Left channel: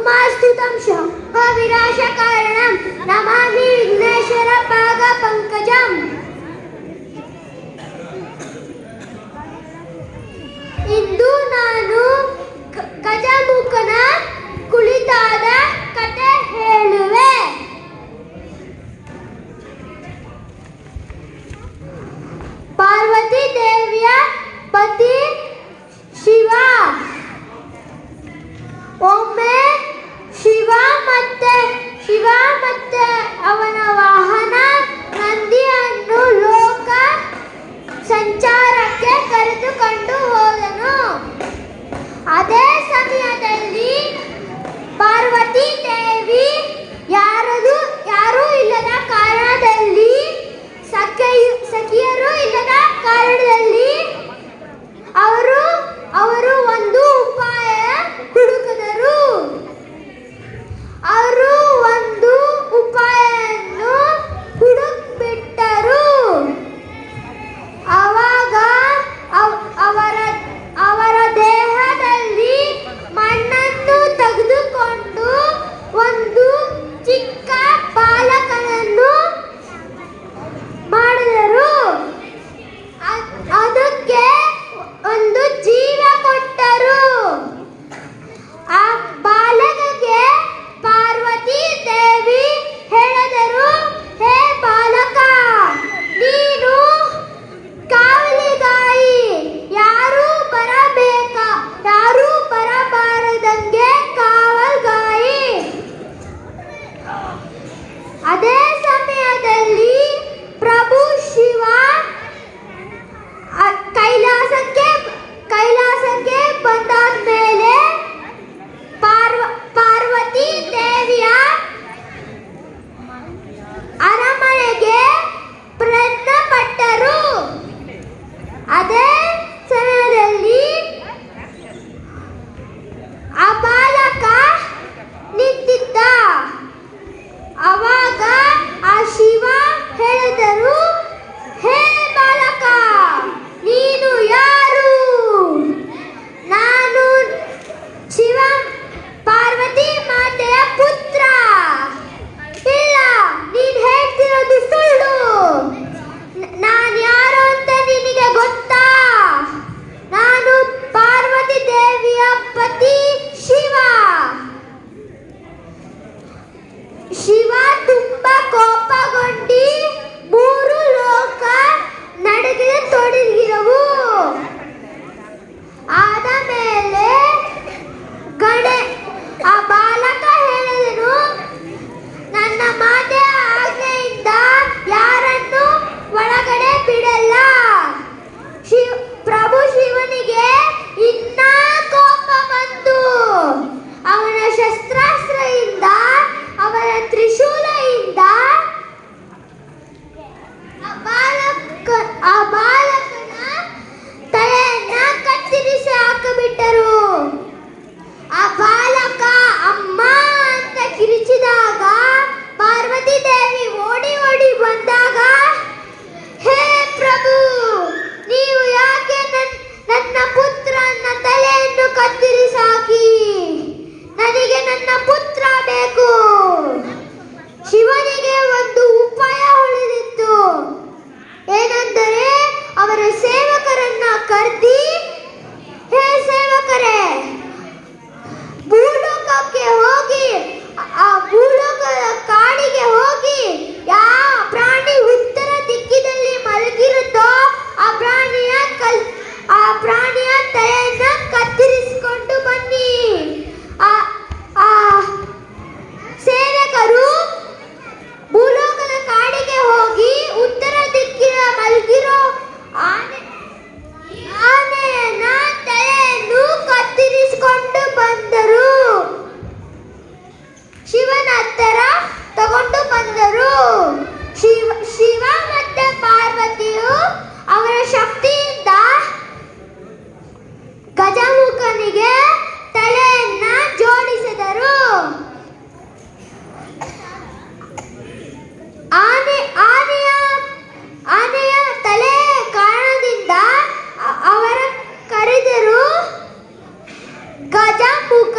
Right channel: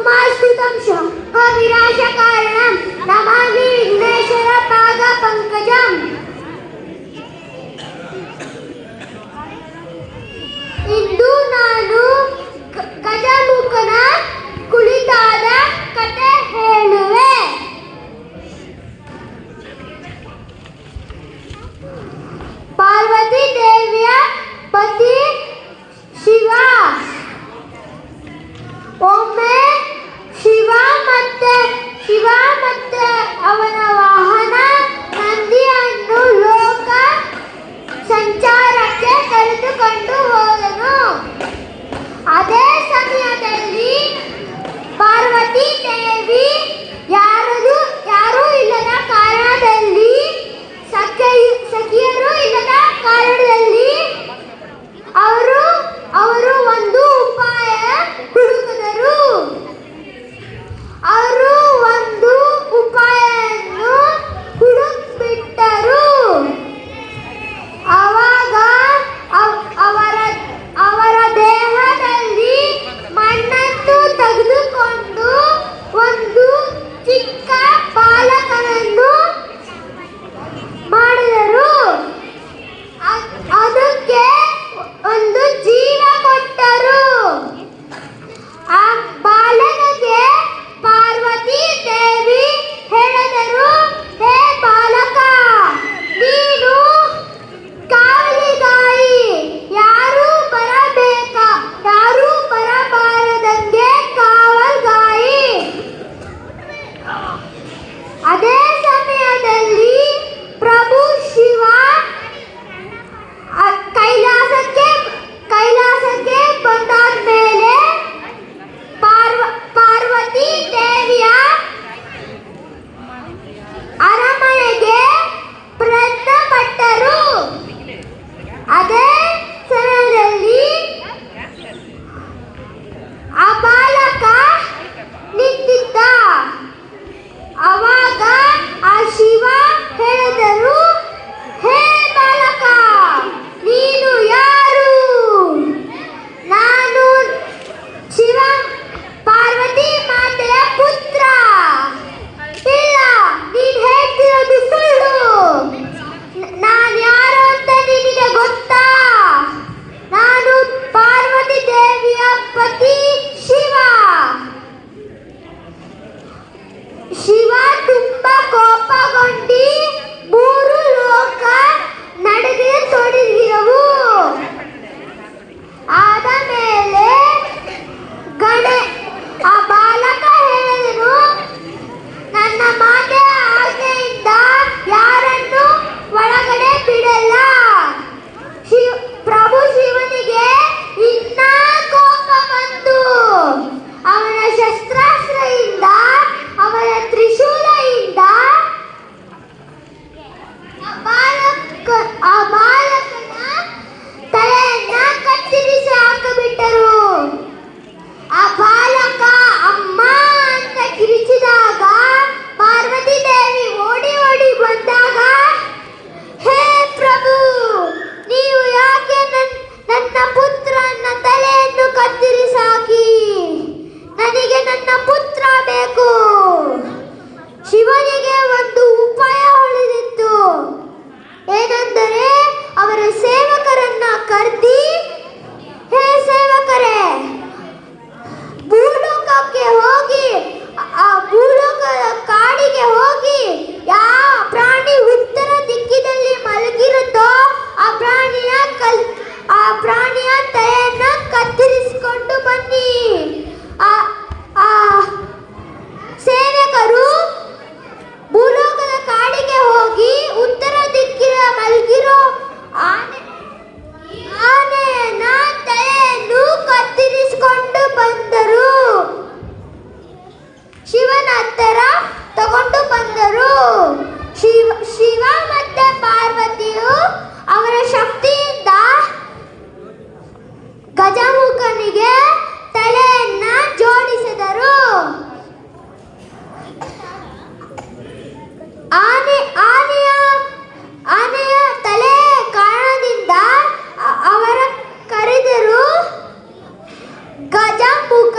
ಉಮಾಸ್ತುತಂ ಶೋಕ ವಿನಾಶಕಾರಣಂ ನಮಾಮಿ ವಿಘ್ನೇಶ್ವರ ಪಾದ ಪಂಕಜಂ. ಇಂದು ನಾನು ಗಜಮುಖನ ಕುಳಿತಾದ ಕತೆ ಹೇಳುವೆ. ಪಾರ್ವತಿ ದೇವಿಯ ಪತಿ ಶಿವ. ಒಮ್ಮೆ ಶಿವ ಮತ್ತೆ ಅವನ ವಾಹನ ನಂದಿಯನ್ನು ಲೋಕ ಸಂಚಾರಕ್ಕೆ ಕರೆದುಕೊಂಡು ಹೋದನು. ಅದೇ ಸಮಯದಲ್ಲಿ ಪಾರ್ವತಿ ದೇವಿ ಯಾರೂ ಇಲ್ಲದ ಕಾರಣದಲ್ಲಿ ಸಖಿಯರು ಇಲ್ಲದ ಕಾರಣದಲ್ಲಿ ಅವರು ಒಂದು ಉಪಾಯ ಹುಡುಕಿದರು. ಅವರು ಒಂದು ಉಪಾಯವನ್ನು ಹುಡುಕ್ಬಿಟ್ಟರು. ಆವಾಗ ಅವರ ದೇಹದಲ್ಲಿ ಮಣ್ಣನ್ನು ತೆಗೆದುಕೊಂಡು ಒಂದು ಚಿಕ್ಕ ಬಾಲಕನನ್ನು ಮಾಡಿದರು. ಅದಕ್ಕೆ ಒಂದು ಜೀವ ಕೊಟ್ಟರು. ಆ ಬಾಲಕಗೆ ಪಾರ್ವತಿ ದೇವಿ ಹೇಳಿದರು, ಹೇ ಬಾಲಕ, ನೀನು ಕಾವಲಿಗಾಯಿ. ಯಾರು ಬರಬಾರದಂಗೆ ಕಾವಲ್ಗಾಯಿ. ಅದೇ ಸಮಯದಲ್ಲಿ ಪ್ರಭು ಶಿವ ಕೈಲಾಸಕ್ಕೆ ಬಂದಾದ ಮೇಲೆ ಪಾರ್ವತಿ ದೇವಿಯ ಅರಮನೆಗೆ ಪ್ರಯತ್ನ ಪಟ್ಟರು. ಅದೇ ಸಮಯದಲ್ಲಿ ಆ ಬಾಲಕ ನಿಂತಿದ್ದ. ಅವಾಗ ಆ ಶಿವ ಹೇಳಿದರು, ಹೇ ಬಾಲಕ, ನೀನು ಯಾರು? ನಾನು ಶಿವ ಪಾರ್ವತಿ ಮಾತೆಯ ಪುತ್ರ. ಇಲ್ಲ, ನೀನ್ ಹೇಳ್ತಿರೋದು ಸುಳ್ಳು. ನಾನು ಯಾರು ಅಂತ ನಿನಗೆ ಗೊತ್ತಾ? ನಾನು ಪಾರ್ವತಿ ದೇವಿಯ ಪತಿ ಶಿವ. ಶಿವ ತುಂಬಾ ಕೋಪಗೊಂಡು ಮೂರು ಲೋಕ ನಡುಗೆ ತೊಡಗಿದವು. ಆದ ಮೇಲೆ ಆ ಬಾಲಕ ಹೇಳಿದನು, ನನ್ನ ಮಾತೆಯ ಆಜ್ಞೆಯಿಂದ ಯಾರನ್ನು ಒಳಗಡೆ ಬಿಡಲ್ಲ. ಪ್ರಭು ಶಿವನಿಗೆ ಇನ್ನ ಕೋಪ ಬಂತು. ಅವನ ಶಸ್ತ್ರಾಸ್ತ್ರದಿಂದ, ಅವನ ತ್ರಿಶೂಲದಿಂದ ಆ ಬಾಲಕನ ತಲೆಯನ್ನ ಕತ್ತರಿಸಿ ಹಾಕಿಬಿಟ್ಟರು. ಆ ಬಾಲಕ ಅಮ್ಮ ಅಂತ ಕಿರಿಚಿದಾಗ ಪಾರ್ವತಿ ದೇವಿ ಓಡಿ ಬಂದಾಗ, ಹೇ ಪ್ರಭು, ನೀವು ಯಾಕೆ ನನ್ನ ಪುತ್ರನ ತಲೆಯನ್ನು ಕತ್ತರಿಸಾಕಿ? ನನಗೆ ನನ್ನ ಪುತ್ರ ಬೇಕು. ಶಿವನಿಗೆ ಒಂದು ಉಪಾಯ ಉಳಿದಿತ್ತು. ಏನೆಂದರೆ ಅವರ ಸೇವಕರನ್ನ ಕರೆದಿ, ಹೇ ಸೇವಕರೇ, ಭೂಲೋಕಕ್ಕೆ ಹೋಗಿ, ಆ ಭೂಲೋಕದ ಕಾಡಿಗೆ ಹೋಗಿ, ಯಾವ ಪ್ರಾಣಿ ಉತ್ತರ ದಿಕ್ಕಿನಲ್ಲಿ ಮಲಗಿರುತ್ತೋ ಆ ಪ್ರಾಣಿಯ ತಲೆಯನ್ನ ಕತ್ತರಿಸಿಕೊಂಡು ಬನ್ನಿ. ಸೇವಕರು ಭೂಲೋಕದ ಕಾಡಿಗೆ ಹೋಗಿ ಉತ್ತರ ದಿಕ್ಕಿನ ಮಲಗಿರೋ ಆನೆಯನ್ನ ತಲೆಯನ್ನು ಕತ್ತರಿಸಿಕೊಂಡು ಬಂದರು. ಶಿವನ ಹತ್ತಿರ ತಗೊಂಡು ಬಂದರು. ಶಿವ ಮತ್ತೆ ಪಾರ್ವತಿಯು ಅವರ ಶಕ್ತಿಯಿಂದ ಗಜಮುಖನಿಗೆ ತಲೆಯನ್ನ ಜೋಡಿಸಿದರು. ಆನೆಯ ತಲೆ ಕಾರಣದಿಂದ ಅವರ ಕರೆದರು ಗಜಮುಖ